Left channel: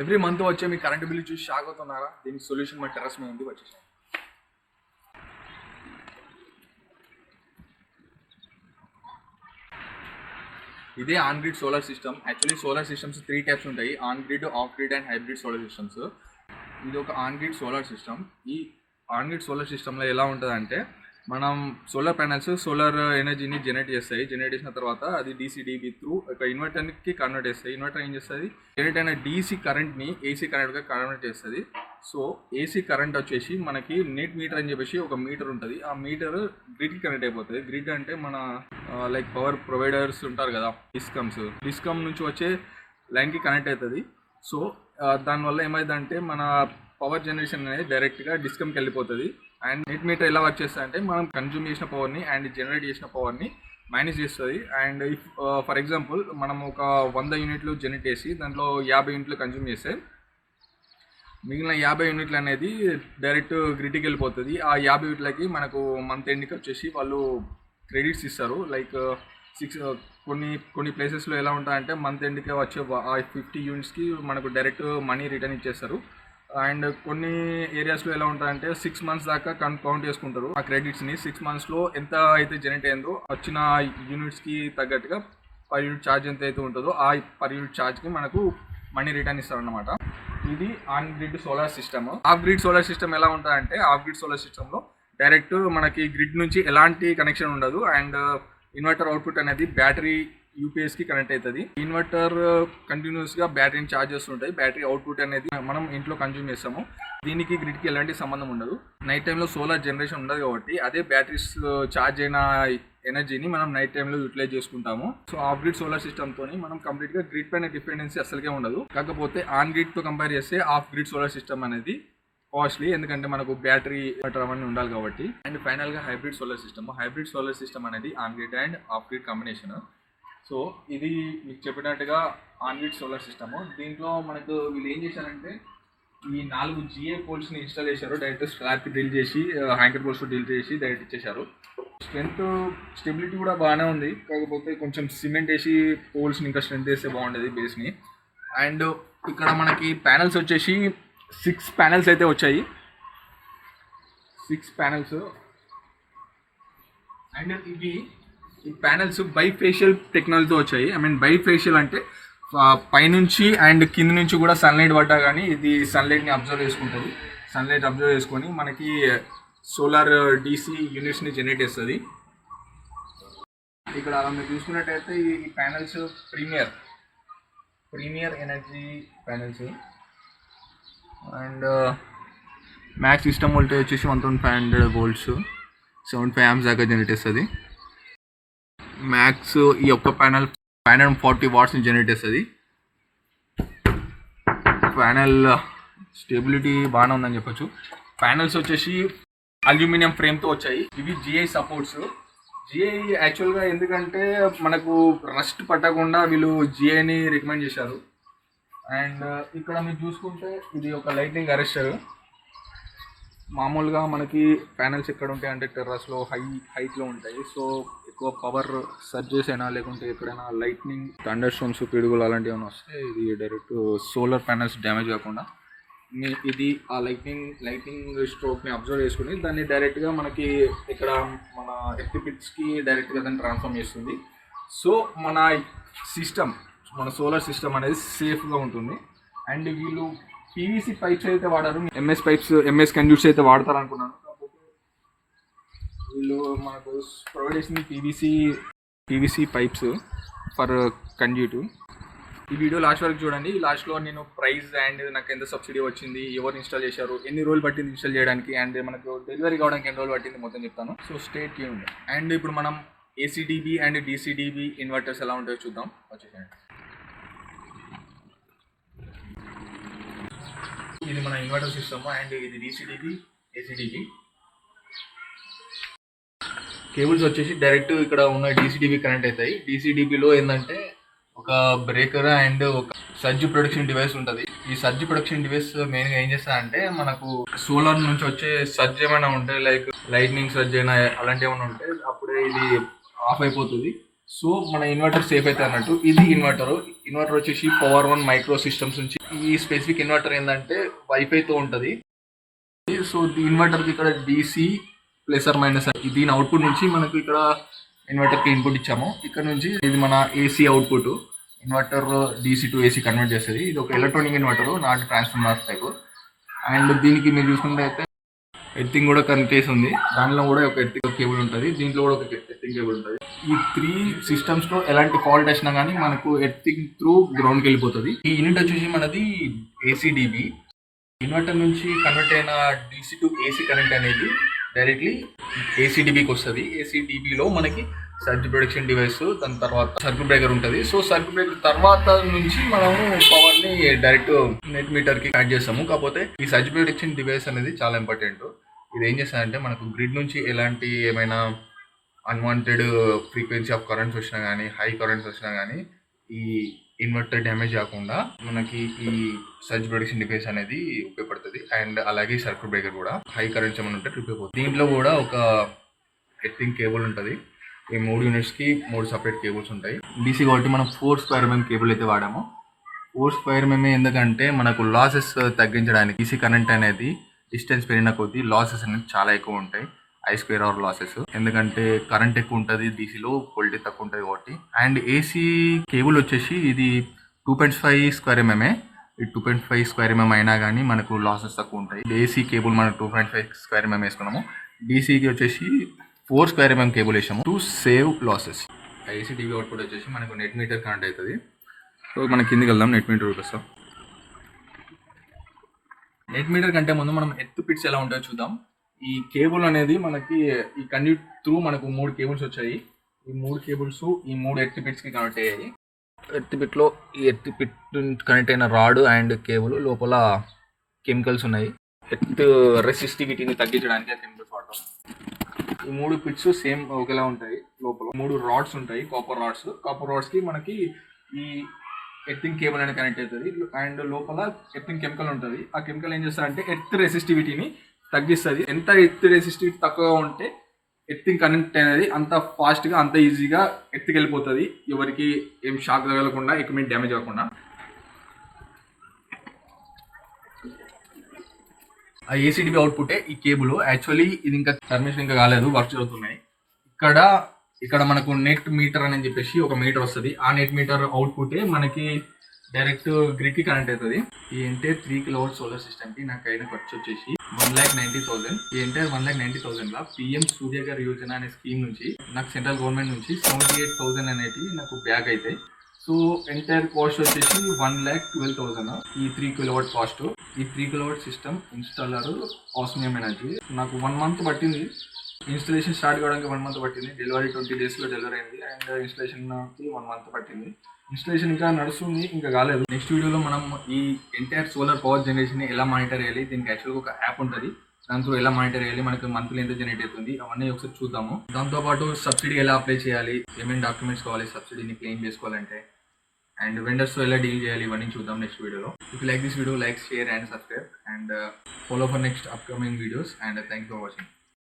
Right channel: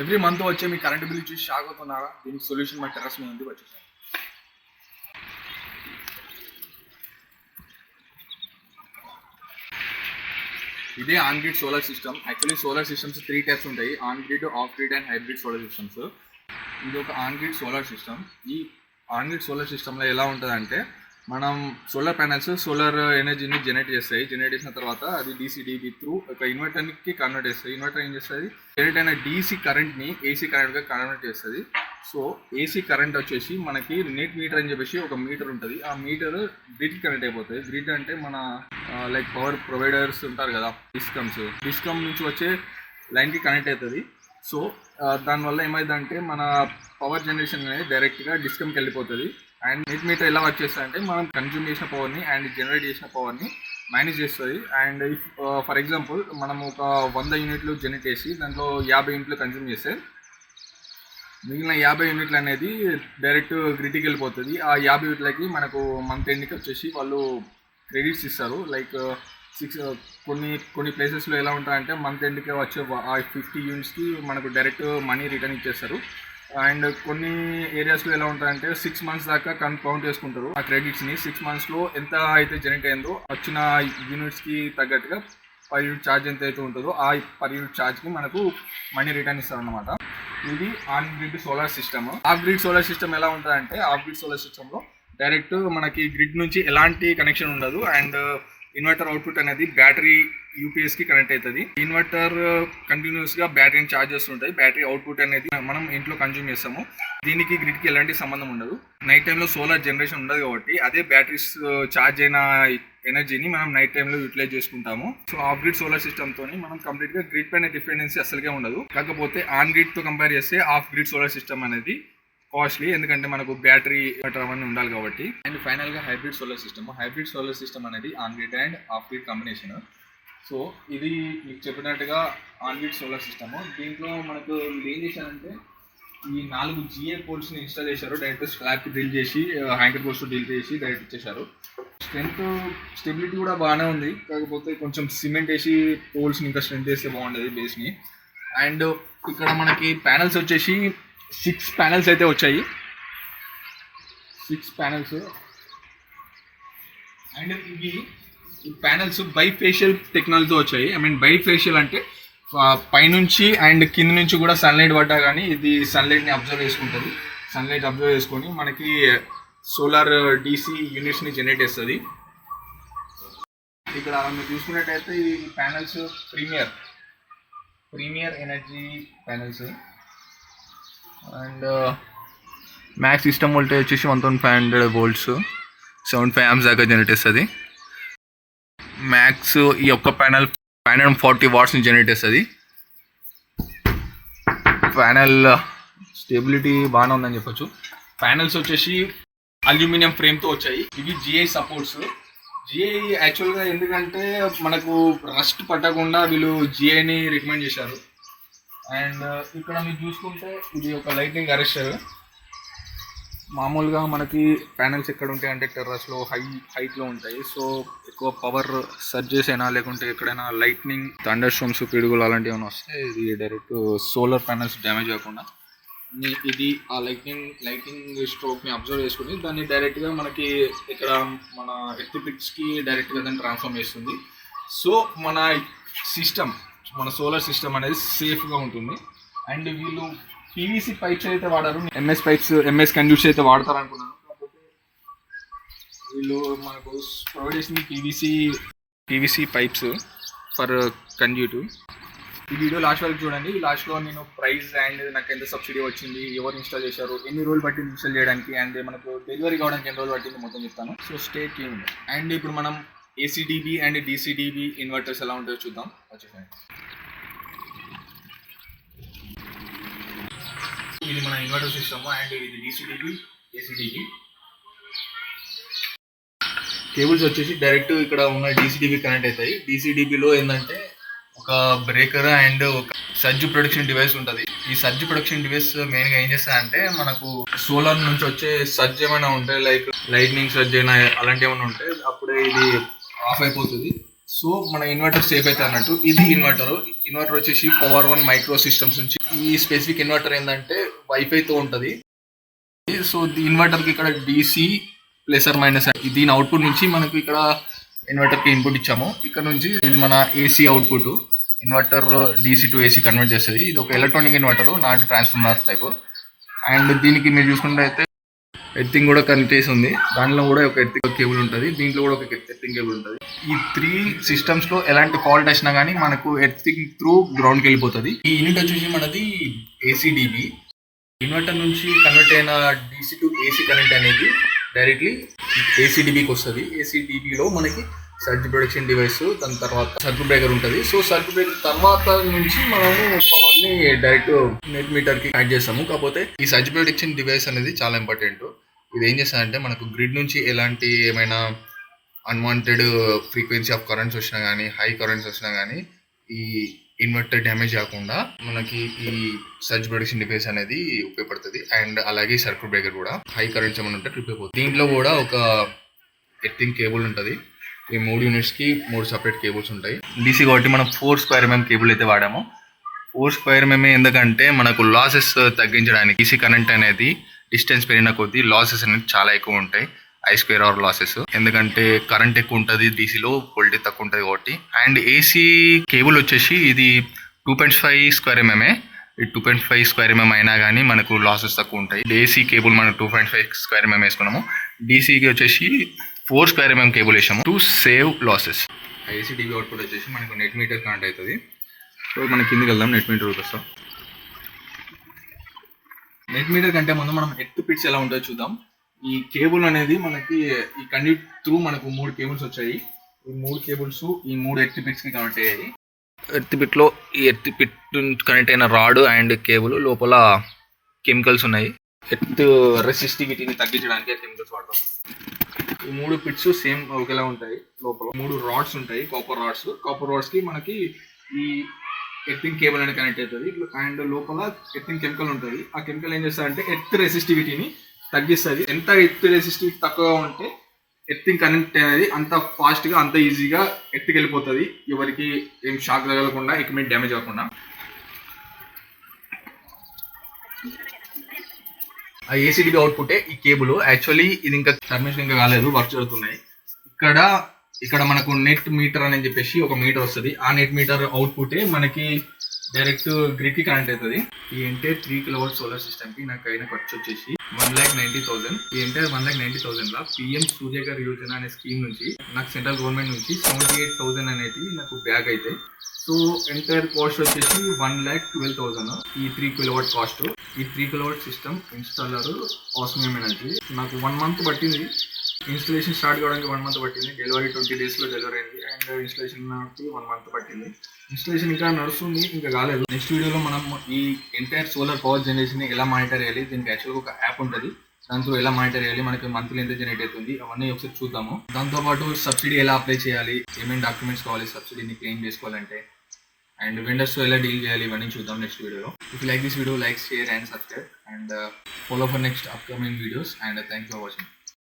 Every month వచ్చే మీ current bill చూసి షాక్ అవుతున్నారా? దీనికి సొల్యూషన్ మా టెర్రస్ మీద ఉంది, వచ్చేసాను. ఇదే on grid solar system. Actually solar systems 3 types ఉంటాయి: on grid, off grid and hybrid solar systems. ఇది ఒక ఆన్ గ్రిడ్ సోలార్ సిస్టమ్. ఈ ఆన్ గ్రిడ్ సోలార్ సిస్టంలో ఎలా ఉంటుందంటే, మనం సోలార్ ప్యానల్స్ సోలార్ ఎనర్జీని జనరేట్ చేసిన తర్వాత అది డీసీ త్రూ ఒక ఇన్వర్టర్కి కన్వర్ట్ చేస్తాయి. ఇన్వర్టర్ ఏం చేస్తుంది, జనరేట్ అయిన డీసీ కరెంట్ని ఏసీ కరెంట్గా కన్వర్ట్ చేస్తుంది. సో ఏసీ కరెంట్ వచ్చేసి మనకి నెట్ మీటర్ అని చెప్పేసి ఒక మీటర్ ఉంటుంది. ఆ మీటర్ గ్రిడ్కి కనెక్ట్ అయిపోతుంది. గ్రిడ్ అంటే మన లైక్ పవర్ ప్రొవైడర్స్ ఉంటారు కదా, డిస్కమ్ నుంచి వచ్చే లైన్కి కనెక్ట్ అవుతుంది. సో దానివల్ల ఏమైందంటే మన పవర్ జనరేషన్ అనేది డైరెక్ట్గా డిస్కమ్కి వెళ్ళిపోతుంది. అండ్ నెట్ మీటర్ ఎలా వర్క్ చేస్తుంది అంటే, మనం కన్జ్యూమ్ చేసిన పవర్ని అండ్ జనరేట్ చేసిన పవర్ని మేనేజ్ చేస్తుంది. అండ్ ఇఫ్ ఫర్ ఎగ్జాంపుల్ మనం ఒక 100 యూనిట్లు జనరేట్ చేసి దాంట్లో 50 యూనిట్లు కన్జ్యూమ్ చేస్తే మిగిలిన 50 యూనిట్లు అనేది డైరెక్ట్ గ్రిడ్కి వెళ్ళిపోతుంది. ఆ 50 యూనిట్లకి మనకు మంత్ ఎండ్కి వచ్చేసి వాళ్ళు క్రెడిట్స్ ఇస్తారు. లైక్ కొన్ని ప్లేసెస్లో ఎలా ఉంటాయంటే మంత్ ఎండ్కి వచ్చే ఆ 50 యూనిట్స్కి మనకు డైరెక్ట్ మనీ రిటర్న్ ఇచ్చేస్తారు. అండ్ కొన్ని ఏరియాస్లో ఎలా ఉంటాయంటే 6 మంత్స్ దాకా కౌంట్ చేసుకుంటారు ఆ క్రెడిట్స్ని. 6 మంత్స్లో ఎంత అయితే జనరేట్ అయిందో వచ్చిన యూనిట్స్కి తగ్గట్టుగా పర్ యూనిట్ ఛార్జ్ ఎంత అయితే ఉంటుందో ఆ పర్ యూనిట్ ఛార్జ్కి మనకు మనీ రిటర్న్ ఇస్తారన్నమాట. ఇది on grid solar system. Off grid solar system ఎలా ఉంటుందంటే, ఆఫ్ గ్రిడ్ సోలార్ సిస్టంలో డైరెక్ట్ మనకి గ్రిడ్ నుంచి ఎలాంటి కనెక్షన్ ఉండదు. అండ్ ఇన్వర్టర్ అవుట్పుట్ అనేది బ్యాటరీ యూపీఎస్కి కనెక్ట్ అవుతుంది. ఇన్వర్టర్ కంటిన్యూస్గా బ్యాటరీని ఛార్జ్ చేస్తుంటాయి. బ్యాటరీ అవుట్పుట్ అనేది మనం ఇంట్లో కన్జ్యూమ్ చేస్తాము. దీనికి గ్రిడ్కి ఎలాంటి సంబంధం ఉండదు. నైట్ టైంలో సోలార్ జనరేషన్ ఉండదు కాబట్టి అదే బ్యాటరీస్ ఛార్జ్ అయిన ఎనర్జీని మనం నైట్ టైంలో యూటిలైజ్ చేసుకుంటాము. సో ఆఫ్ గ్రిడ్ సోలార్ సిస్టమ్తో మనం కంప్లీట్గా గ్రిడ్ పైన డిపెండెన్సీ అసలుగా ఉండదు. కాకపోతే ఆన్ గ్రిడ్తో కంపేర్ చేస్తే ఆఫ్ గ్రిడ్ సోలార్ సిస్టమ్ అనేది కాస్ట్లీ, ఎందుకంటే మనకు బ్యాటరీ అవన్నీ ఉండాలి కాబట్టి. అండ్ ఫైనల్గా హైబ్రిడ్ సోలార్ సిస్టమ్ అనేది on grid and off grid combination. So ఇది మీకు చెప్పినట్టుగా ఆన్ గ్రిడ్ సోలార్ సిస్టమ్. దీంట్లో మనకు వీళ్ళు ఏం చేశారంటే, ఈ 4 GA పోల్స్ని ఇన్స్టాల్ చేశారు. డైరెక్ట్ స్లాబ్కి డ్రిల్ చేసి హ్యాంకర్ పోల్స్ డ్రిల్ చేసి డైరెక్ట్ ఇచ్చేశారు. స్టెబిలిటీ కూడా బాగానే ఉంది. కాకపోతే కొంచెం సిమెంట్ వేసి పోల్స్ని ఇంకా స్ట్రెంత్ వేస్తే బాగుండేది బేస్ని. అండ్ ఇక్కడ మనకి ప్యానల్స్ వచ్చేసి 6 ప్యానల్స్ అయితే వచ్చాయి. 6 ప్యానల్స్. అండ్ ఈ ప్యానల్స్ బైఫేషియల్ టెక్నాలజీతో వచ్చాయి. బైఫేషియల్ అంటే పైనుంచి అండ్ కింద నుంచి కూడా సన్లైట్ పడ్డా కానీ ఇది సన్లైట్ని అబ్జర్వ్ చేసుకుంటుంది. సన్లైట్ అబ్జర్వ్ చేసుకొని మనకి సోలార్ డీసీ యూనిట్స్ని జనరేట్ చేస్తుంది. ఇక్కడ మీరు చూసుకున్నట్టయితే ఈ panels Premier Energy panels. And max system voltage వచ్చేసి 1500 volts, 75 amps దాకా జనరేట్ చేస్తుంది. మ్యాక్స్ ఈ ఒక్క ప్యానల్ 540 wattsని జనరేట్ చేస్తుంది. ప్యానల్ స్టెబిలిటీ బాగానే ఉందని చెప్పొచ్చు. ప్యానల్స్ వచ్చేసి అల్యూమినియం ఫ్రేమ్తో వచ్చాయి. ఇవి GI సపోర్ట్స్. GI యాక్చువల్గా ఎందుకంటే మనకు రస్ట్ పట్టకుండా వీళ్ళు GIని రికమెండ్ చేశారు. అండ్ ఇక్కడ మీరు చూసుకుంటే ఇది ఒక లైటింగ్ అరెస్టర్. మామూలుగా మనకి ప్యానల్స్ ఎక్కడ ఉంటాయి అంటే టెర్రస్లో హైట్లో ఉంటాయి. సో ఎక్కువ పవర్ సర్జెస్ అయినా లేకుంటే ఎక్కడైనా లైట్నింగ్ థండర్ స్టార్మ్స్ పిడుగులు అలాంటివి ఏమైనా వస్తే ఇది డైరెక్ట్ సోలార్ ప్యానల్స్ డ్యామేజ్ కాకుండా ఇది ఆ లైటింగ్ స్ట్రోక్ని అబ్జర్వ్ చేసుకుని దాన్ని డైరెక్ట్గా మనకి ఇక్కడ మన ఎర్త్ పిట్స్కి డైరెక్ట్గా దాన్ని ట్రాన్స్ఫార్మ్ చేస్తుంది. సో మన సోలార్ సిస్టమ్ అనేది సేఫ్గా ఉంటుంది. అండ్ వీళ్ళు PVC పైప్స్ అయితే వాడారు. MS కండ్యూట్స్ అయితే వాడతారు అనుకున్నాను. కాకపోతే వీళ్ళు మనకు ప్రొవైడ్ చేసింది PVC పైప్స్ ఫర్ కండ్యూట్. ఈ వీడియో లాస్ట్ వరకు చూడండి. లాస్ట్లో నేను ప్రైస్ అండ్ నాకు ఎంత సబ్సిడీ వచ్చింది, ఎవరు ఇన్స్టాల్ చేశారు, ఎన్ని రోజులు పట్టింది ఇన్స్టాల్ చేయడానికి, అండ్ మనకు డెలివరీ కావడానికి ఎన్ని రోజులు పట్టింది మొత్తం చెప్తాను. So stay tuned. అండ్ ఇప్పుడు మనం AC/DC అండ్ DC/DC ఇన్వర్టర్స్ ఎలా ఉంటాయో చూద్దాం. వచ్చేసండి. ఇది మన ఇన్వర్టర్ సిస్టమ్. అండ్ ఇది DC/DC, AC/DC. కేబుల్స్ వచ్చేసి డైరెక్ట్ ఇక్కడ ఉన్న DC/DC కనెక్ట్ అవుతాయి. DC/DCలో ఏంటంటే ఒక బ్రేకర్ అండ్ ఒక సర్జ్ ప్రొటెక్షన్ డివైస్ ఉంటుంది. ఈ సర్జ్ ప్రొటెక్షన్ డివైస్ మెయిన్గా ఏం చేస్తారంటే, మనకు సోలార్ నుంచి వచ్చే సర్జ్ ఏమైనా ఉంటే లైక్ లైట్నింగ్ సర్జ్ అయినా అలాంటి ఏమైనా ఉంటే అప్పుడే ఇది ఆఫ్ అయిపోతుంది. సో మన ఇన్వర్టర్ సేఫ్ అయితే అన్నట్టు. ఇది ఇన్వర్టర్ వచ్చేసి పవర్ వన్ మైక్రో సిస్టమ్స్ నుంచి. ఈ స్పెసిఫిక్ ఇన్వర్టర్ ఏంటంటే వైఫైతో ఉంటుంది. సో ఈ ఇన్వర్టర్కి ఇక్కడ డీసీ ప్లస్ ఆర్ మైనస్ దీని అవుట్పుట్ నుంచి మనకు ఇక్కడ ఇన్వర్టర్కి ఇన్పుట్ ఇచ్చాము. ఇక్కడ నుంచి ఇది మన AC output. Inverter DC to AC convert చేస్తుంది. ఇది ఒక electronic inverter, not transformer type. And దీనికి మీరు చూసుకుంటే అయితే ఎర్తింగ్ కూడా కనెక్ట్ చేసి ఉంది. దాంట్లో కూడా ఒక ఎర్తింగ్ కేబుల్ ఉంటుంది, దీంట్లో కూడా ఒక ఎర్తింగ్ కేబుల్ ఉంటుంది. ఈ 3 సిస్టమ్స్లో ఎలాంటి ఫాల్ట్ వచ్చినా కానీ మనకు ఎర్తింగ్ త్రూ గ్రౌండ్కి వెళ్ళిపోతుంది. ఈ యూనిట్ వచ్చేసి మనది ఏసీడీబీ. ఇన్వర్టర్ నుంచి కన్వర్ట్ అయిన డీసీ టు ఏసీ కరెంట్ అనేది డైరెక్ట్లీ ఏసీడీబీకి వస్తుంది. ఏసీడీబీలో మనకి సర్జ్ ప్రొడక్షన్ డివైస్, దాని తర్వాత సర్క్యూట్ బ్రేకర్ ఉంటుంది. సో సర్క్యూట్ బ్రేకర్ తర్వాత నుంచి మనము పవర్ని డైరెక్ట్ నెట్ మీటర్కి యాడ్ చేస్తాము. కాకపోతే ఈ సర్జ్ ప్రొడక్షన్ డివైస్ అనేది చాలా ఇంపార్టెంట్. ఇది ఏం చేస్తుందంటే మనకు గ్రిడ్ నుంచి ఎలాంటి ఏమైనా అన్వాంటెడ్ ఫ్రీక్వెన్సీ ఆఫ్ కరెంట్స్ వచ్చినా కానీ, హై కరెంట్స్ వచ్చినా కానీ ఈ ఇన్వర్టర్ డ్యామేజ్ కాకుండా మనకి ఈ సర్జ్ ప్రొడక్షన్ డివైస్ అనేది ఉపయోగపడుతుంది. అండ్ అలాగే సర్క్యూట్ బ్రేకర్ కూడా హై కరెంట్స్ ఏమైనా ఉంటే ట్రిప్ అయిపోతుంది. దీంట్లో కూడా ఒక ఎర్తింగ్ కేబుల్ ఉంటుంది. ఈ 3 యూనిట్స్కి 3 సపరేట్ కేబుల్స్ ఉంటాయి. డీసీ కాబట్టి మనం 4 స్క్వేర్ ఎంఎం కేబుల్ అయితే వాడాము. 4 స్క్వేర్ ఎంఎం ఎందుకంటే మనకు లాసెస్ తగ్గించడానికి. డీసీ కరెంట్ అనేది డిస్టెన్స్ పెరిగిన కొద్దీ లాసెస్ అనేది చాలా ఎక్కువ ఉంటాయి, I²R లాసెస్. ఎందుకంటే కరెంట్ ఎక్కువ ఉంటుంది డీసీలో, వోల్టేజ్ తక్కువ ఉంటుంది కాబట్టి. అండ్ ఏసీ కేబుల్ వచ్చేసి ఇది 2.5 స్క్వేర్ ఎంఎంఏ. ఈ 2.5 స్క్వేర్ ఎంఎం అయినా కానీ మనకు లాసెస్ తక్కువ ఉంటాయి. ఏసీ కేబుల్ మనం 2.5 స్క్వేర్ ఎంఎం వేసుకున్నాము. డీసీకి వచ్చేసి 4 స్క్వేర్ ఎంఎం కేబుల్ వేసాము to save losses. AC TV output వచ్చేసి మనకు నెట్ మీటర్ కనెక్ట్ అవుతుంది. సో మనం కిందికి వెళ్దాం, నెట్ మీటర్ వస్తాం. నెట్ మీటర్ కంటే ముందు మనం ఎర్త్ పిట్స్ ఎలా ఉంటుందో చూద్దాం. ఈ కేబుల్ అనేది మనకి ఈ కండ్యూట్ త్రూ మనకు 3 కేబుల్స్ వచ్చాయి. ఈ 3 కేబుల్స్ ఈ 3 ఎర్త్ పిట్స్కి కనెక్ట్ అయ్యాయి. ఎర్త్ పిట్లో ఈ ఎర్త్ పిట్ కనెక్ట్ అయిన రాడ్ అండ్ కేబుల్ లోపల కెమికల్స్ ఉన్నాయి. ఎర్త్ రెసిస్టివిటీని తగ్గించడానికి ఆ కెమికల్స్ వాడతాం. ఈ 3 పిట్స్ సేమ్ ఒకేలా ఉంటాయి. లోపల 3 రాడ్స్ ఉంటాయి, కాపర్ రాడ్స్. కాపర్ రాడ్స్కి మనకి ఈ ఎర్తింగ్ కేబుల్ అనేది కనెక్ట్ అవుతుంది. అండ్ లోపల ఎర్తింగ్ కెమికల్ ఉంటుంది. ఆ కెమికల్ ఏం చేస్తుందంటే ఎర్త్ రెసిస్టివిటీని తగ్గిస్తుంది. ఎంత ఎర్త్ రెసిస్టివిటీ తక్కువగా ఉంటే ఎర్తింగ్ కనెక్ట్ అనేది అంత ఫాస్ట్గా, అంత ఈజీగా ఎర్త్కి వెళ్ళిపోతుంది. ఎవరికి ఏం షాక్ తగలకుండా, ఎక్విప్మెంట్ డ్యామేజ్ అవ్వకుండా. ఆ ఏసీడీబీ అవుట్పుటే ఈ కేబుల్. యాక్చువల్లీ ఇది ఇంకా టర్మినేషన్ ఇంకా కాలేదు, వర్క్ జరుగుతున్నాయి. ఇక్కడ మనకు నెట్ మీటర్ అని చెప్పేసి ఒక మీటర్ వస్తుంది. ఆ నెట్ మీటర్ అవుట్పుటే మనకి డైరెక్ట్ గ్రిడ్కి కనెక్ట్ అవుతుంది. ఈ ఎంటైర్ 3 కిలోవాట్ సోలార్ సిస్టమ్కి నాకు అయిన ఖర్చు వచ్చేసి 1,90,000. ఈ ఎంటైర్ 1,90,000 PM సూర్యఘర్ యోజన అనే స్కీమ్ నుంచి నాకు సెంట్రల్ గవర్నమెంట్ నుంచి 78,000 అనేవి నాకు బ్యాక్ అవుతాయి. సో ఎంటైర్ కాస్ట్ వచ్చేసి 1,12,000 ఈ 3 కిలోవాట్ కాస్ట్. ఈ 3 kilowatt system installer osmium energy. నాకు 1 మంత్ పట్టింది. ఇన్స్టలేషన్ స్టార్ట్ కావడానికి 1 మంత్ పట్టింది. డెలివరీ 20 డేస్లో డెలివరీ అయింది. అండ్ ఇన్స్టలేషన్కి 1 మంత్ పట్టింది. ఇన్స్టలేషన్ ఇంకా నడుస్తుంది, ఇంకా కాలేదు. నెక్స్ట్ వీడియోలో మనం ఈ ఎంటైర్ సోలార్ పవర్ జనరేషన్ ఎలా మానిటర్ చేయాలి, దీనికి యాక్చువల్గా ఒక యాప్ ఉంటుంది, దాంతో ఎలా మానిటర్ చేయాలి, మనకి మంత్లీ ఎంత జనరేట్ అవుతుంది, అవన్నీ ఒకసారి చూద్దాము. దాంతోపాటు సబ్సిడీ ఎలా అప్లై చేయాలి, ఏమేమి డాక్యుమెంట్స్ కావాలి సబ్సిడీని క్లెయిమ్ చేసుకోవాలంటే, అండ్ వెండర్స్తో ఎలా డీల్ చేయాలి, ఇవన్నీ చూద్దాం నెక్స్ట్ వీడియోలో. If you like this video, like, share and subscribe and follow for next upcoming videos, and thanks for watching.